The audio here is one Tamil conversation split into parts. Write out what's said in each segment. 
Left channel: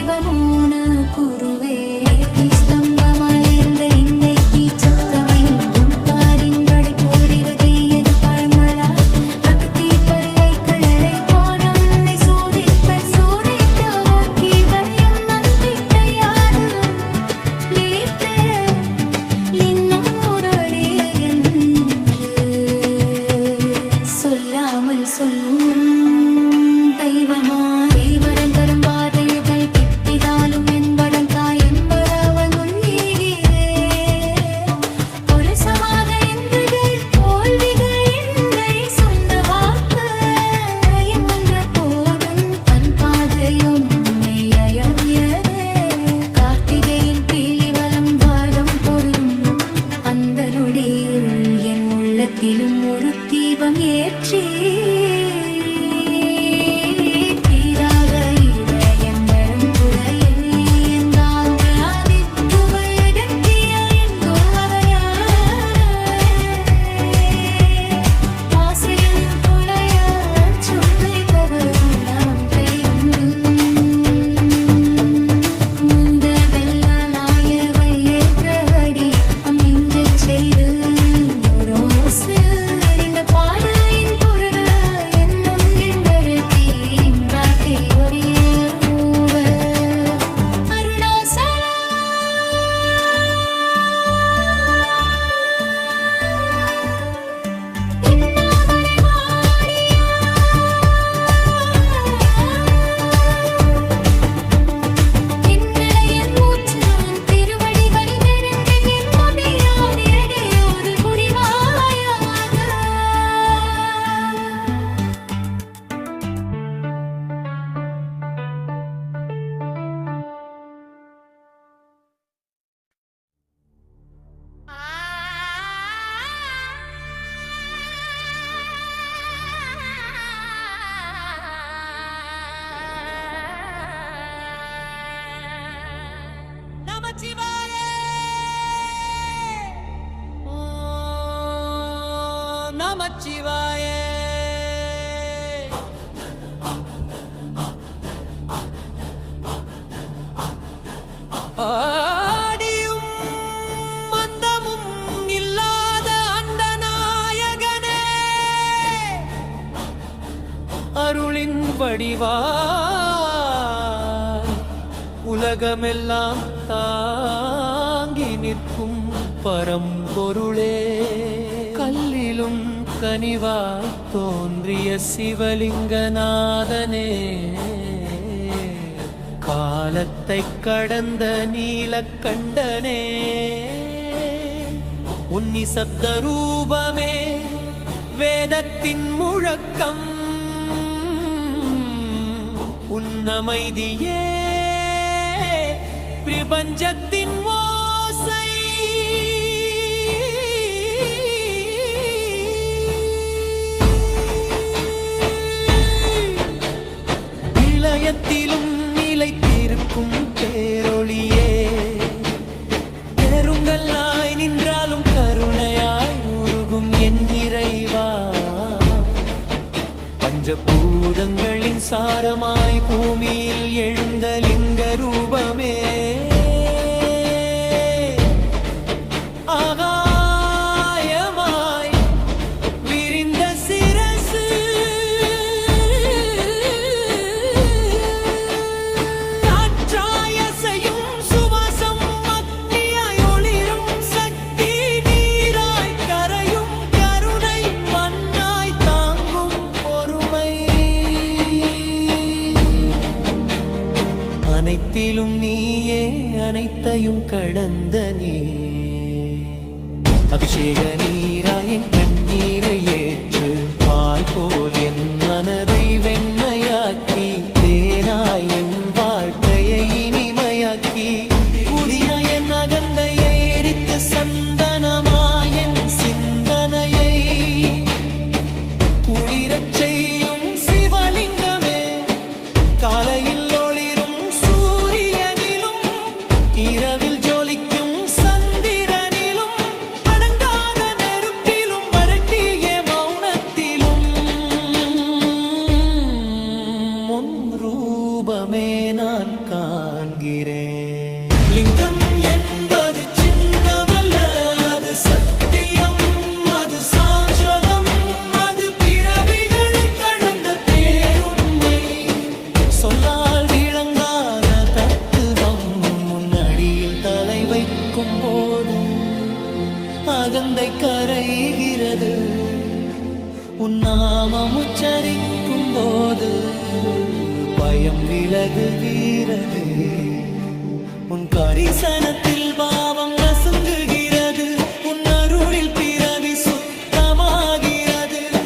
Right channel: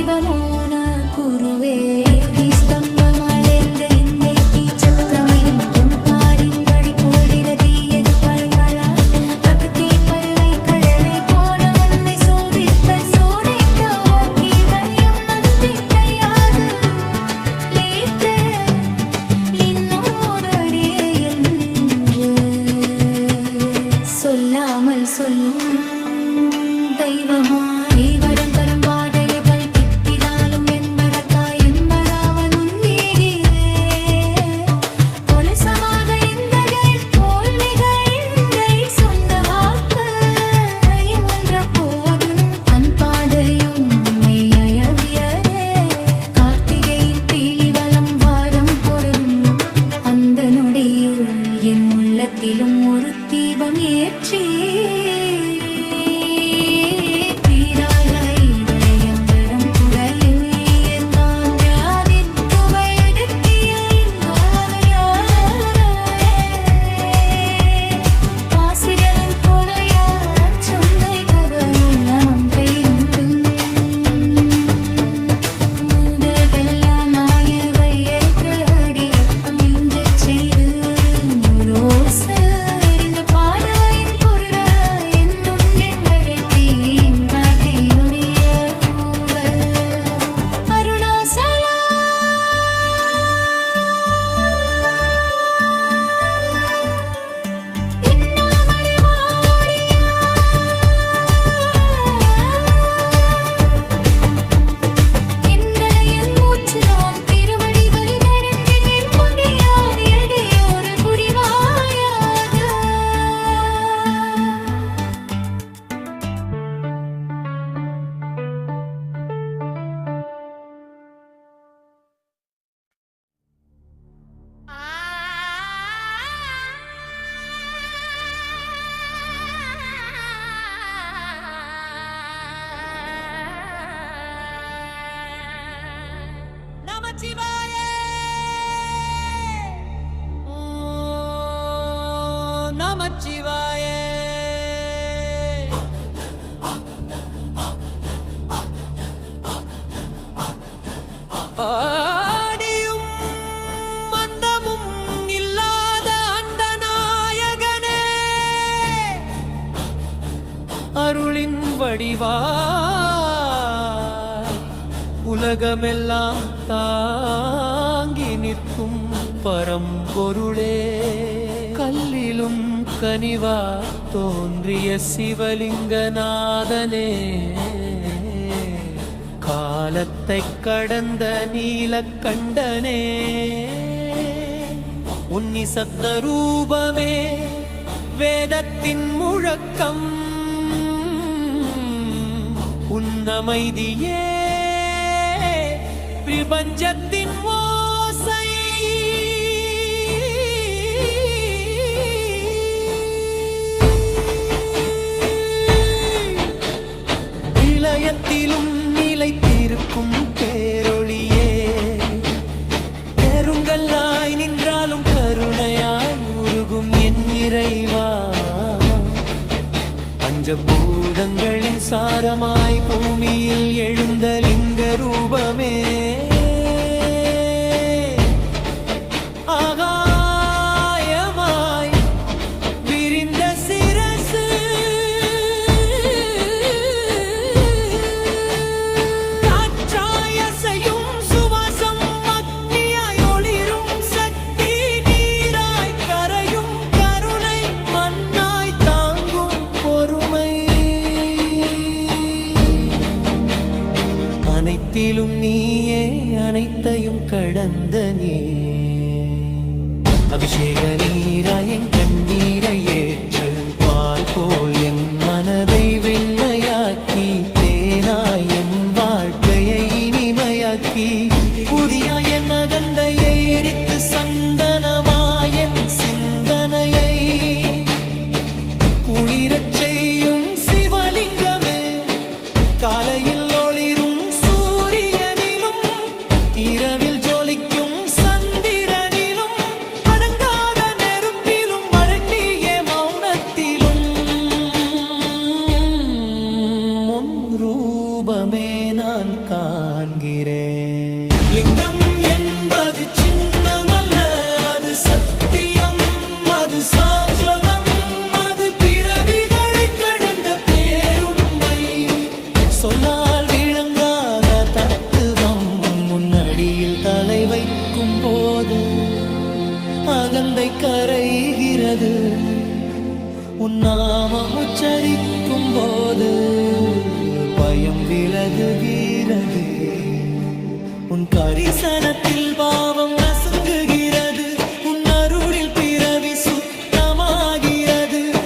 அருள் செய்வமோன நமச்சிவாய ஆடியும் மந்தமும் இல்லாத அந்த நாயகனே. அருளின் வடிவாய் உலகமெல்லாம் தாங்கி நிற்கும் பரம்பொருளே. கல்லிலும் கனிவா தோன்றிய சிவலிங்கநாதனே காலத்தை கடந்த நீலக்கண்டனே உன்னி சப்த ரூபமே வேதத்தின் முழக்கம் உன்னமைதியே பிரபஞ்சத்தின் இதயத்திலும் நிலைத்திருக்கும் பேரொளியே பெருங்கல்லாய் நின்றாலும் கருணையாய் உருகும் என் இறைவா. பஞ்சபூதங்களின் சாரமாய் பூமியில் எழுந்த லிங்க ரூபமே. அனைத்தையும் கடந்த நீ அபிஷேக நீராய் என் கண்ணீரை ஏற்று பால் போல் என் மனதை வெண்மையாக்கி தேனாய் என் வாழ்க்கையை இனிமையாக்கி புதிய என் அகந்தையை எரித்து சந்த லிங்கம் என்பது சின்னமல்ல அது சத்தியம் அது சாஸ்வதம் அது பிறவிகளை கடந்த பேருண்மை. சொல்லால் விளங்காத தத்துவம் முன்னடியில் தலை வைக்கும் போது அகந்தை கரைகிறது. உன் நாமம் உச்சரிக்கும் போது பயம் விலகுகிறது. உன் கரிசனத்தில் பாவம் நசுங்குகிறது. உன் அருளில் பிறவி சுத்தமாகிறது.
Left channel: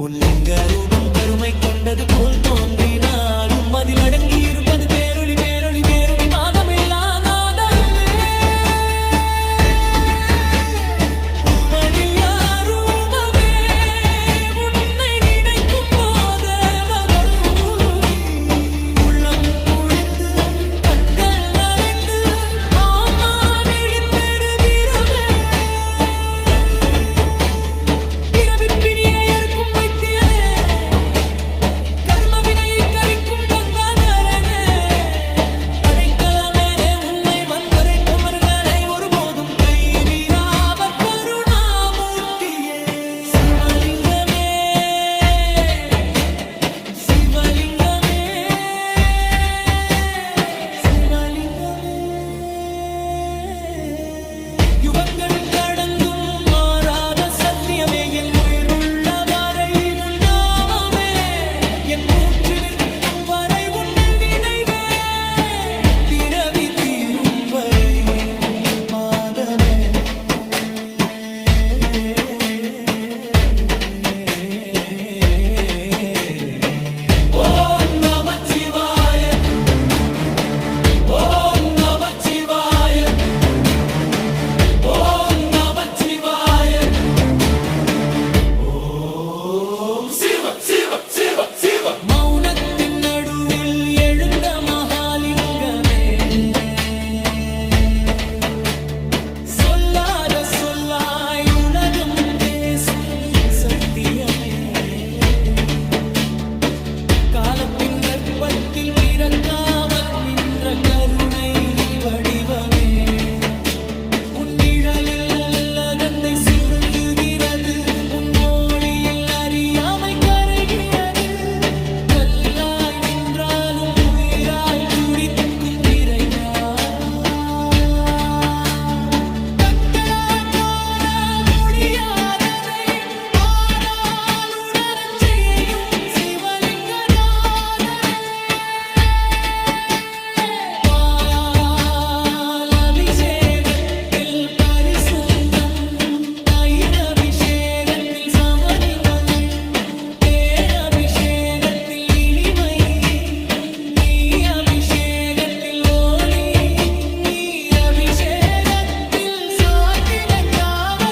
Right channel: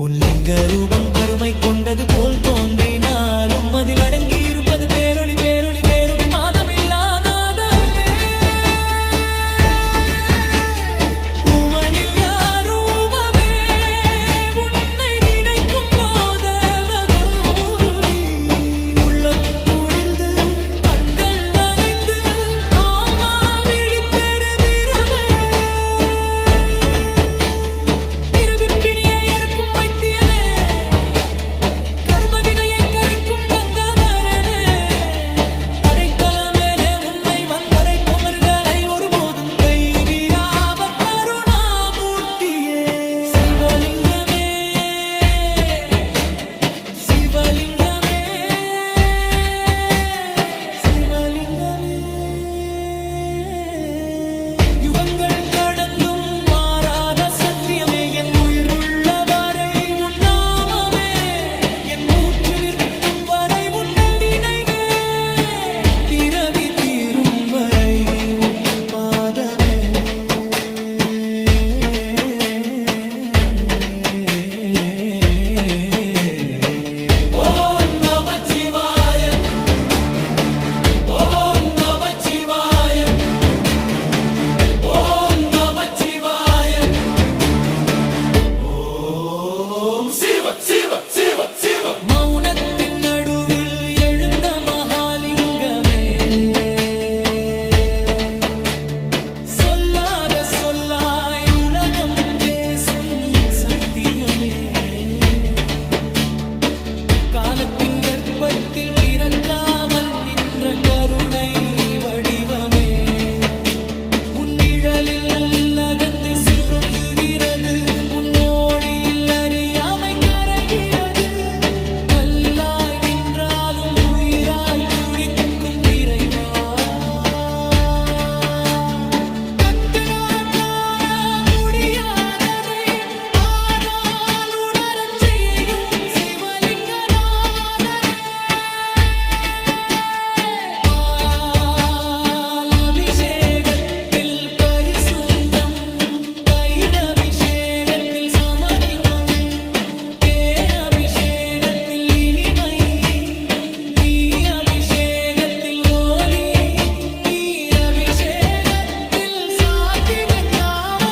உன் லிங்க ரூபம் கருமை கொண்டது போல் தோன்றினாலும் அதில் அடங்கி இருப்பது பேரொளி பேரொளி வேறுடி மாதமில்லாத நின்ற கருணை வடிவமே. உன்னிழலில் அகந்தை சுருங்குகிறது. உன் மொழியில் அறியாமை கரைகிறது. கல்லாய் நின்றாலும் உயிராய் துடிக்கும் இறைவா. அபிஷேகத்தில் சமநிலை இனிமை நீ அபிஷேகத்தில் ஓலி நீர் அபிஷேகத்தில் சாத்தினங்காவற்றிலும்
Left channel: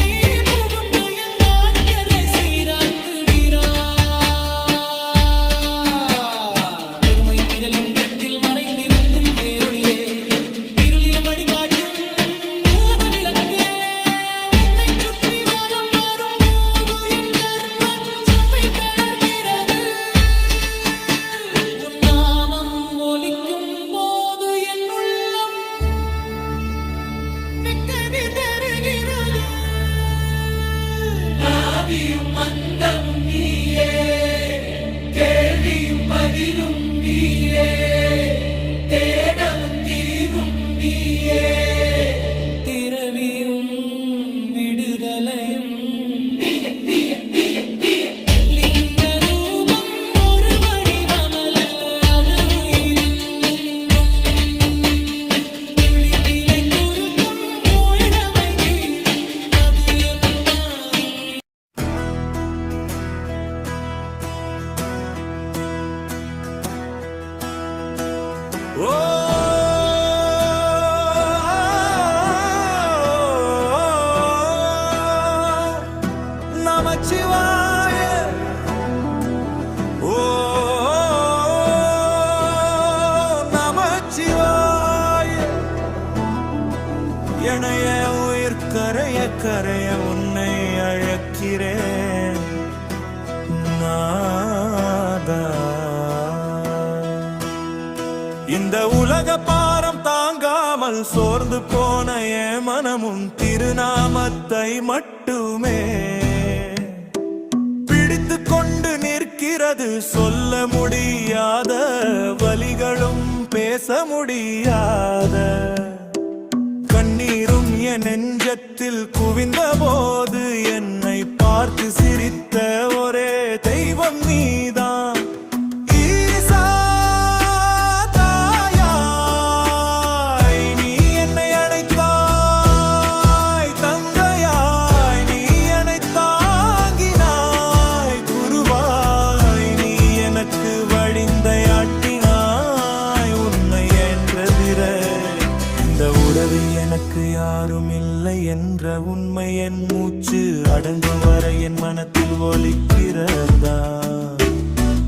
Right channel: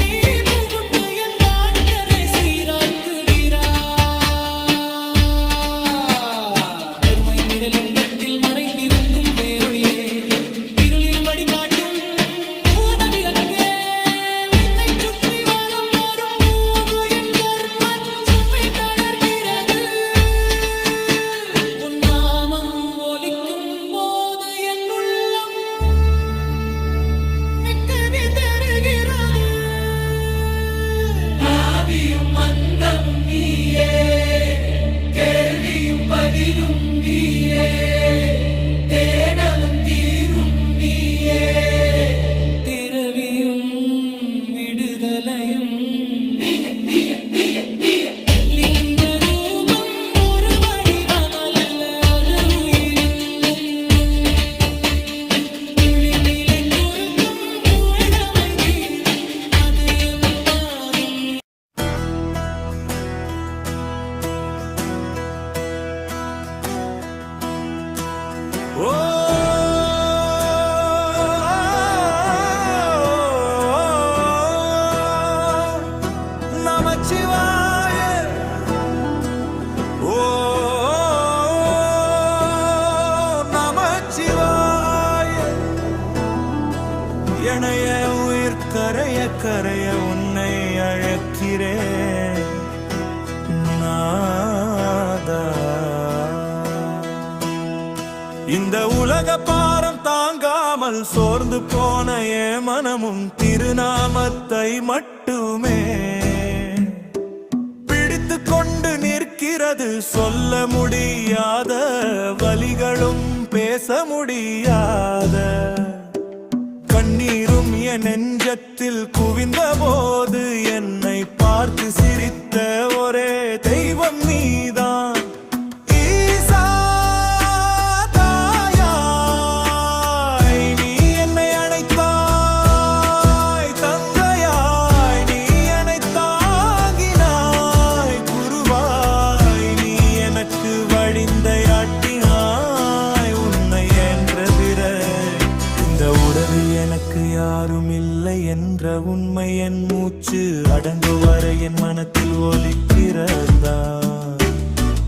நீ புகுந்து என் வாழ்க்கரை சீராக்குகிறாய் பெருமை நிரலிங்கத்தில் மறைந்திருக்கும் பேரொழியே இருளிலும் வழிகாட்டும் போது என் உள்ளம் நிக்கதி தருகிறது. ஆவியும் அந்தமும் நீயே கேள்வியும் பதிலும் நீயே தேடலும் தீரும் நீயே. திரவியும் விடுதலையும் Whoa! பாரம் தாங்காமல் சோர்ந்து போன என் மனமும் திருநாமத்தை மட்டுமே. பிடித்து கொண்டு நிற்கிறது சொல்ல முடியாத வலிகளும் பேச முடியாத. கண்ணீரும் என் நெஞ்சத்தில் குவிந்த போது என்னை பார்த்து சிரித்த ஒரே தெய்வம் நீதான். மூச்சு என் மனத்தில் ஒலிக்கிறதா?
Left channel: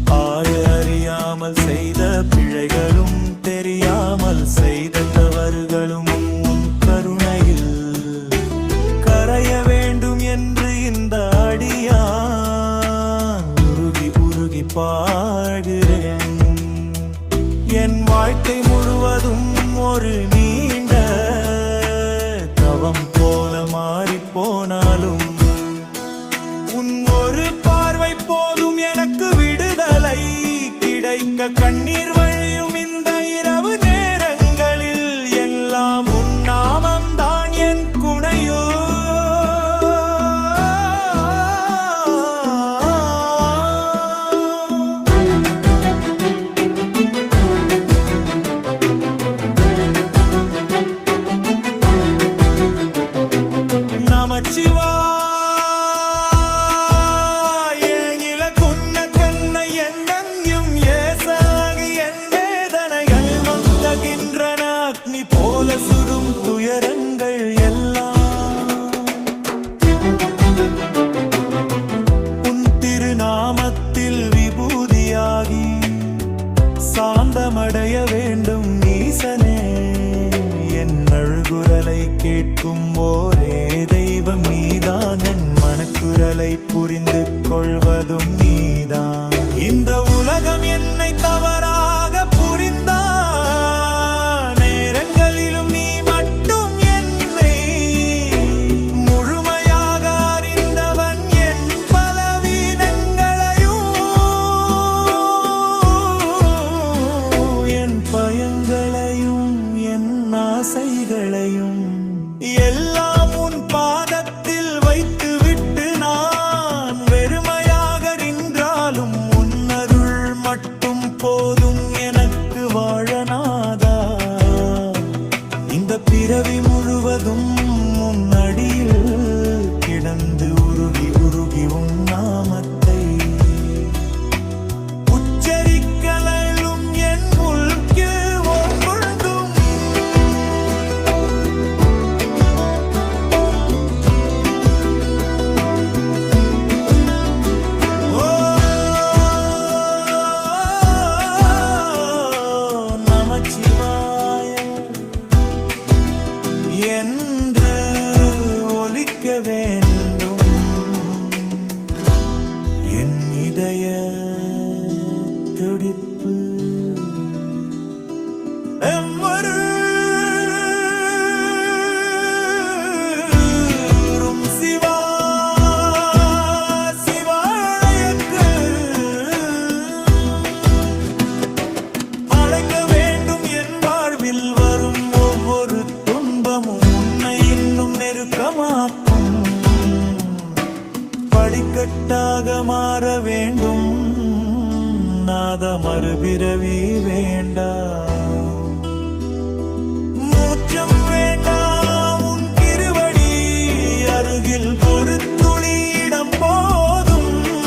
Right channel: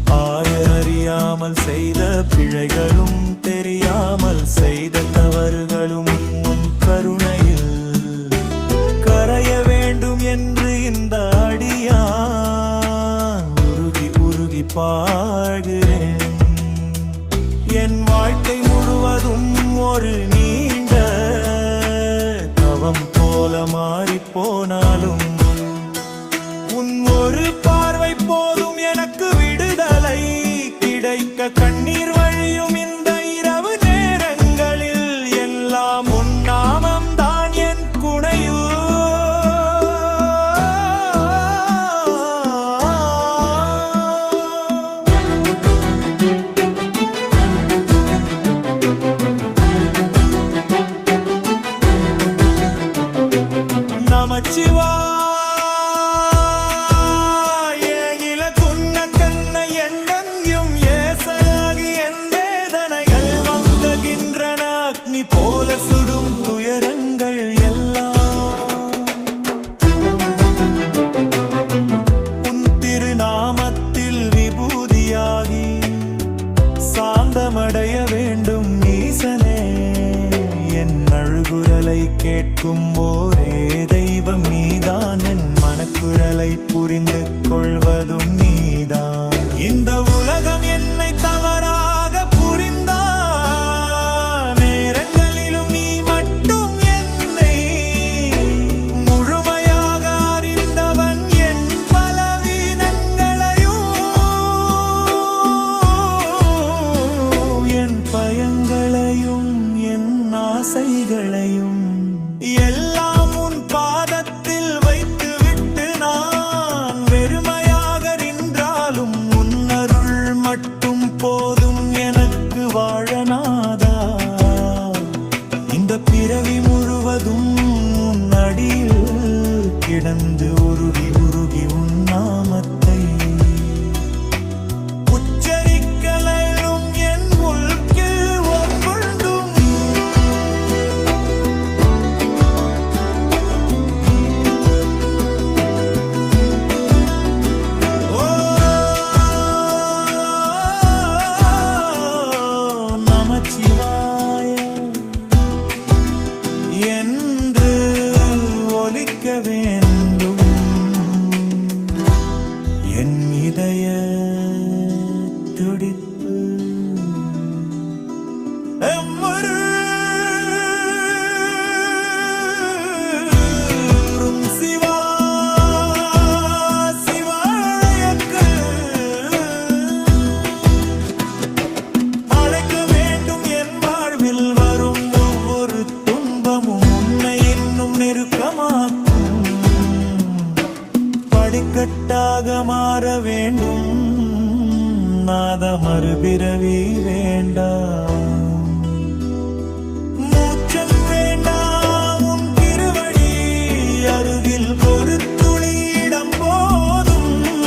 ஆய அறியாமல் செய்த பிழைகளும் தெரியாமல் செய்த தவறுகளும் உன் கருணையில் கரைய வேண்டும் என்று இந்த அடியா உருகி உருகி பாடுகிறேன். என் வாழ்க்கை முழுவதும் ஒரு நீண்ட தவம் போல மாறிப் போனாலும் உன் ஒரு பார்வை போதும் எனக்கு விடுதலை. கிடைக்க கண்ணீர் வழி